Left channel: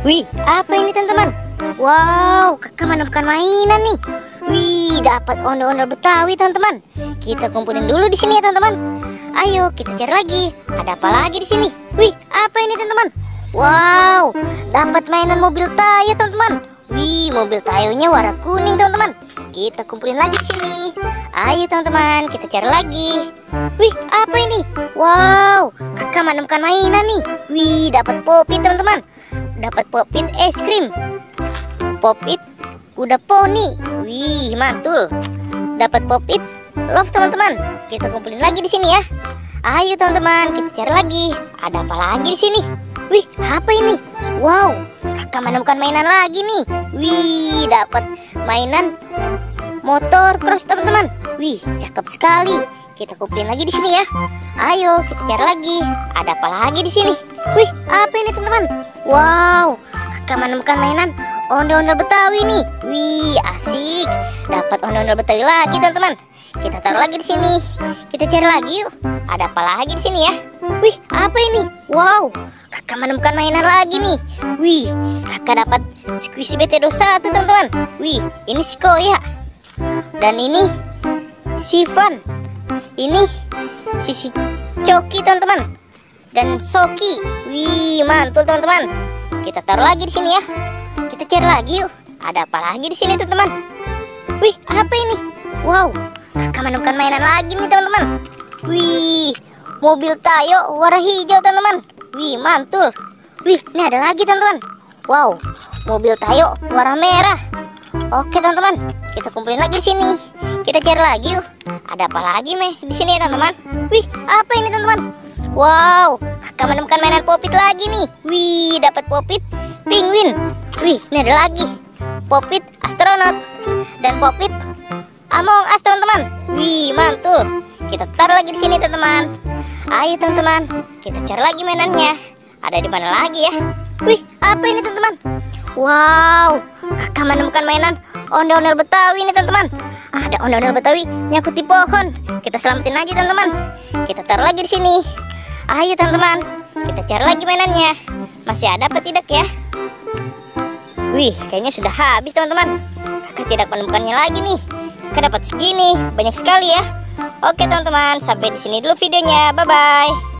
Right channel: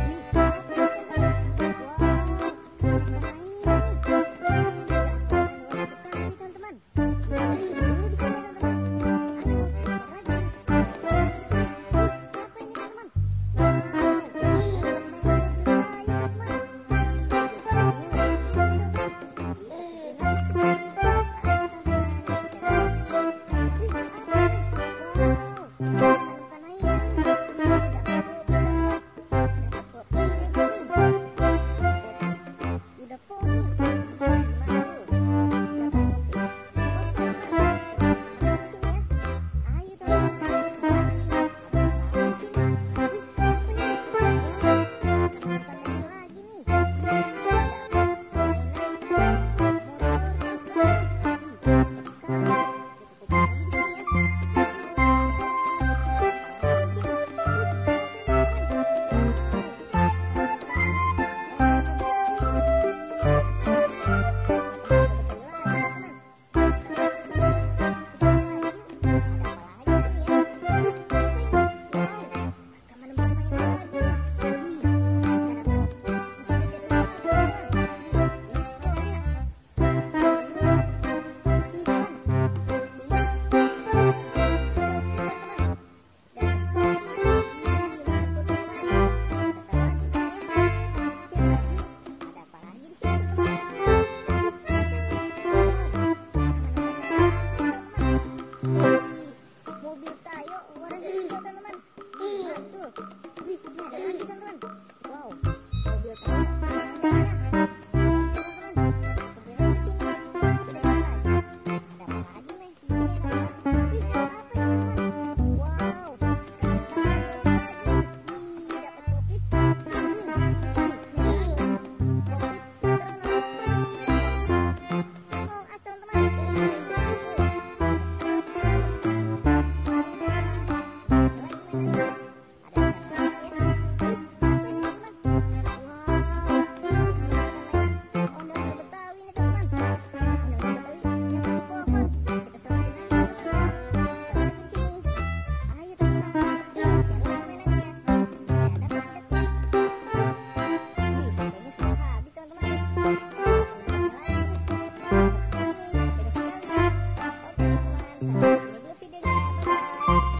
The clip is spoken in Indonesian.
Wih, apa ini teman-teman? Wow, kakak menemukan mainan nih. Wih, dapat ondel-ondel Betawi teman-teman. Kita kumpulin dulu di sini ya teman-teman. Ayo kita cari lagi. Ada apa lagi di sini? Wih, apa ini teman-teman? Wow, dapat mainan mobil Tayo teman-teman. Wih, mobil Tayonya warna kuning teman-teman. Kita kumpulin lagi di sini. Ayo teman-teman, kita cari lagi. Wih, apa ini? Wow, kakak menemukan mainan nih. Wih, dapat Pop-It teman-teman. Dapat Pop-It es krim, Pop-It kuda poni. Wih, mantul. Dapat Pop-It love teman-teman. Kita kumpulin lagi di sini ya. Ayo teman-teman, kita cari lagi. Ada apa lagi di sini? Wih, apa ini? Wow, kakak menemukan mainan lagi nih. Wih, dapat mainan motor cross teman-teman. Wih, cakep sekali. Kita kumpulin lagi di sini ya. Ayo kita cari lagi. Ada apa lagi di sini? Wih, apa ini teman-teman? Wow, kakak menemukan mainan ondel-ondel Betawi nih. Wih, asik. Dapat ondel-ondel Betawi lagi teman-teman. Kita taruh lagi di sini. Kita cari lagi yuk. Ada apa lagi di sini ya? Wih, apa ini? Wow, kakak menemukan mainan lagi nih. Wih, kakak dapat Squishy BT21 teman-teman. Wih, ini si Koya. Dan ini si Van. Ini si Coki teman-teman. Dan Soki. Wih, mantul teman-teman. Kita taruh lagi di sini ya. Kita cari lagi yuk. Ada apa lagi di sini teman-teman? Wih, apa ini? Wow, kakak menemukan mainan lagi nih teman-teman. Wih, mobil Tayo warna hijau teman-teman. Wih, mantul. Wih, ini ada lagi teman-teman. Wow, mobil Tayo warna merah. Oke teman-teman, kita kumpulin lagi di sini. Kita cari lagi yuk. Ada apa lagi di sini ya teman-teman? Wih, apa ini teman-teman? Wow, kakak menemukan mainan Pop-It lagi nih. Wih, dapat Pop-It penguin. Wih, ini ada lagi Pop-It astronot dan Pop-It Among Us teman-teman. Wih, mantul. Kita taruh lagi di sini teman-teman. Ayo teman-teman, kita cari lagi mainannya. Ada di mana lagi ya? Wih, apa ini teman-teman? Wow, kakak menemukan mainan ondel-ondel Betawi ini teman-teman. Ada ondel-ondel Betawi nyangkut di pohon. Kita selamatin aja teman-teman. Kita taruh lagi di sini. Ayo teman-teman, kita cari lagi mainannya. Masih ada apa tidak ya? Wih, kayaknya sudah habis teman-teman. Kakak tidak menemukannya lagi nih. Kakak dapat segini, banyak sekali ya. Oke teman-teman, sampai di sini dulu videonya. Bye bye.